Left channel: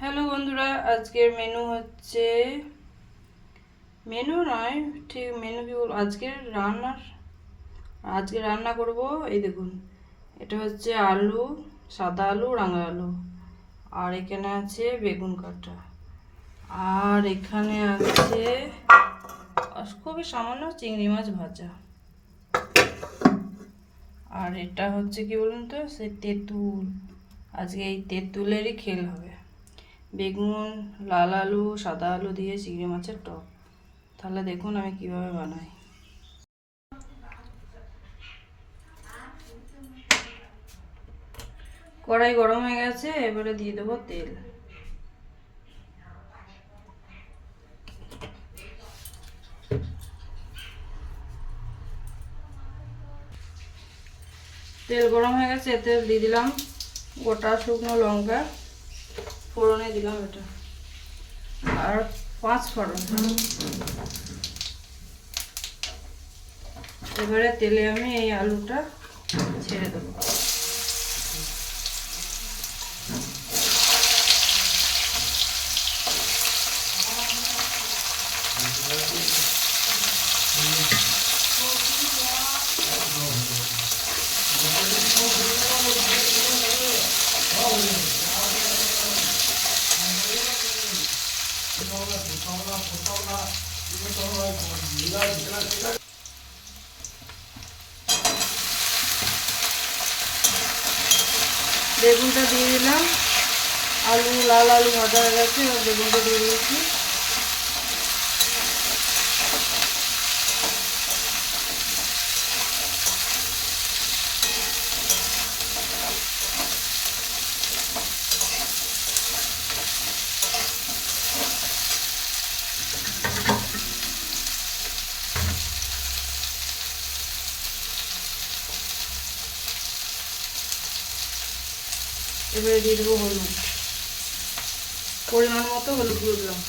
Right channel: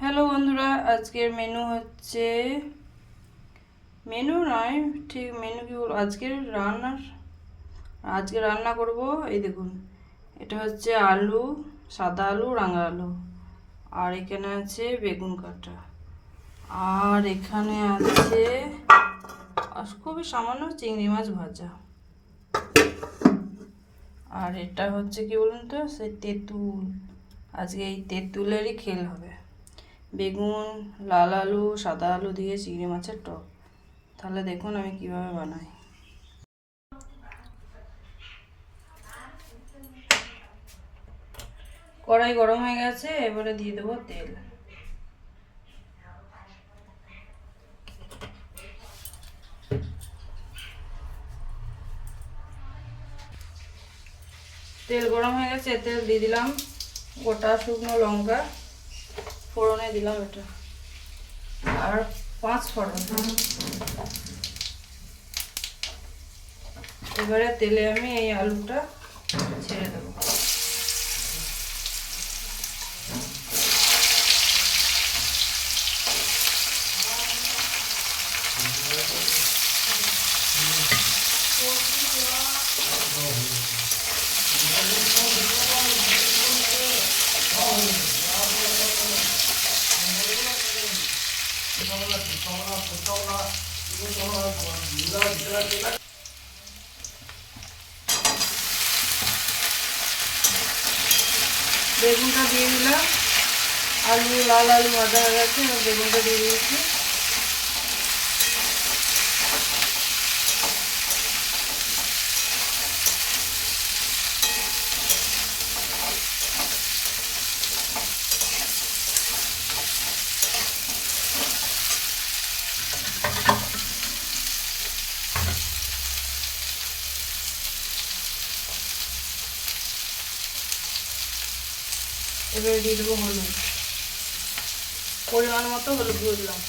Hello বন্ধুরা, আজকের menu হচ্ছে মেনু নয়, ঠিক মেনু কি বলবো, আজকে রান্না করব। এই দেখুন, এটা হচ্ছে আলু, সাদা আলু, রাঙা আলু, আর এখানে আছে বেগুন কাটা, আর এখানে আছে খুবই সামান্য চিংড়ি মাছ ভাজা, আর এটা হচ্ছে কি বলুন তো, সেই তেঁতুল। আজকে এই তেঁতুলেরই খেল হবে। বেগুন, লাল আলু, সাদা আলু দিয়ে চিংড়ি মাছের টক। তাহলে দেখুন আমি কিভাবে বানাই। কড়াই গরম হয়ে গেছে, এবারে দিয়ে দেবো তেল। তেল গরম হয়ে গেছে, এতে দিয়ে দিলাম গোটা শুকনো লঙ্কা, ফোড়নে দিলাম এটা, আর 5 ফোড়ন। এবারে তেলে আমি এই আলুটা ছেড়ে দেবো। বেগুনটা দিয়ে দিলাম, লাল আলু ভাজা হয়ে গেছে, এবার বেগুনটা দিয়ে দিয়েছি। এবারে দিয়ে দেবো হলুদ, পরিমাণ মতো হলুদ দিয়ে দিলাম।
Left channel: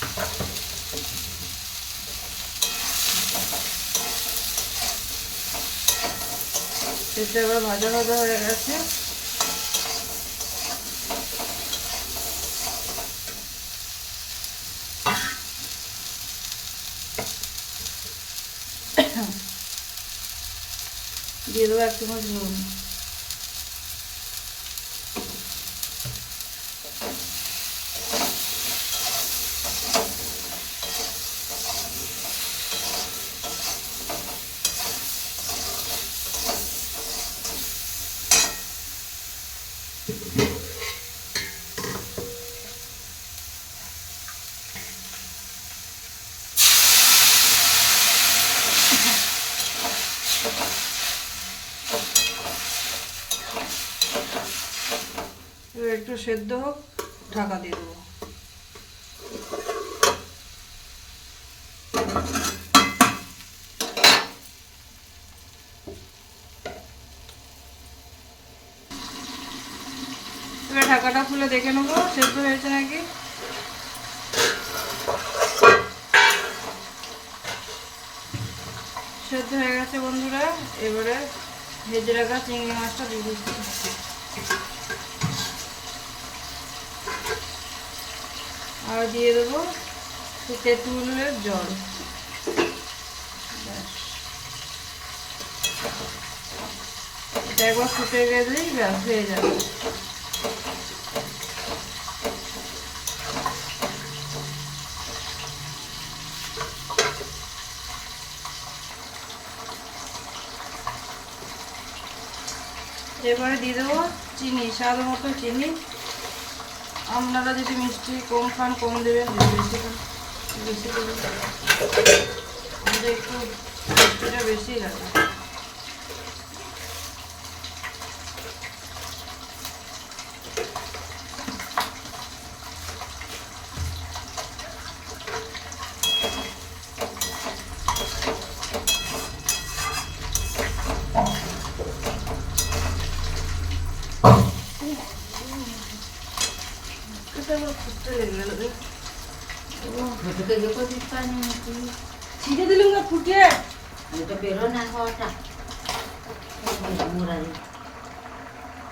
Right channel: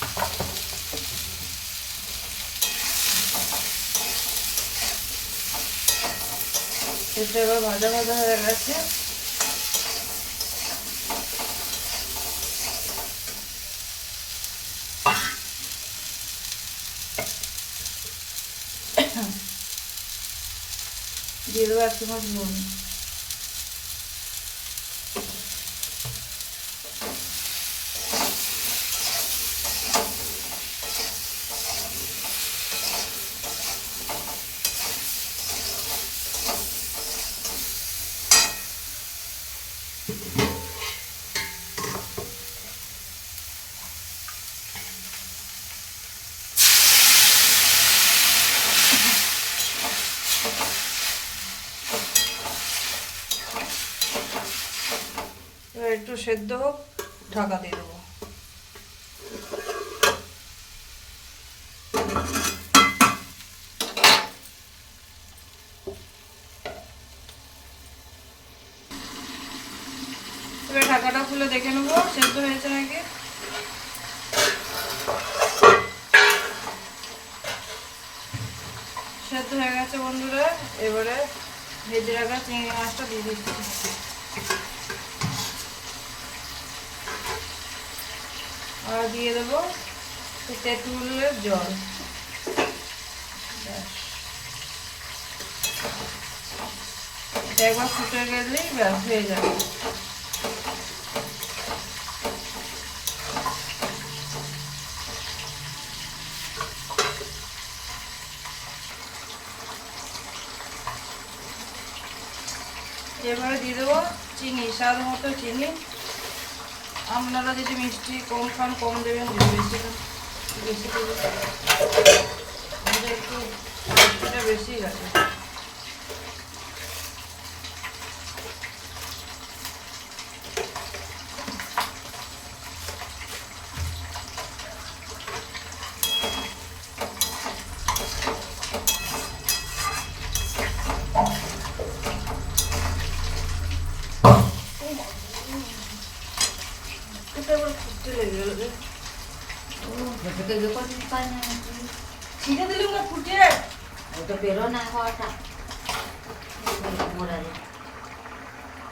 এটা এবার ভাজা ভাজা হয়ে গেছে, দিয়ে দেবো 1 চামচ নুন। এবার একটু সেদ্ধ হোক, ঢাকা দিয়ে দেবো। এবার ঢাকাটা খুলে দেখে নেবো সেদ্ধ হয়েছে নাকি। সেদ্ধ হয়ে গেছে বন্ধুরা, এবারে ভেজে রাখা চিংড়ি মাছটা দিয়ে দিচ্ছি, আর দিয়ে দেবো তেঁতুলের জল। এটা একবার ফুটে গেলেই ব্যাস হয়ে যাবে। এবারে দিয়ে দেবো চিনি, স্বাদ মতো চিনি। আপনারা যদি মিষ্টি কম খান কম দেবেন, যদি বেশি খান বেশি দেবেন। আমাদের একটু মিষ্টিটা বেশি লাগে। ছিটে দিলুম না ফুটে, ওটা বেরো না হওয়াটা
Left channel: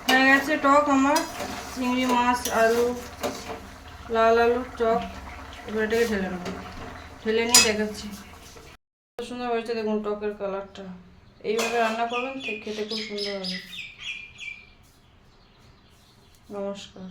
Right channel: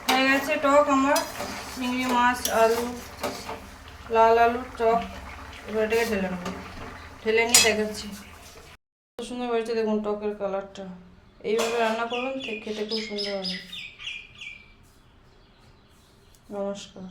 হয়ে গেছে টক আমার। চিংড়ি মাছ, আলু, লাল আলুর টক। এবার এটাকে ঢেলে নেবো, ঢেলে নিয়ে দেখাচ্ছি। কত সুন্দর হয়েছে দেখুন টকের কালারটা। এইভাবে রান্না করবেন, খেতে খুব সুন্দর হবে। নমস্কার।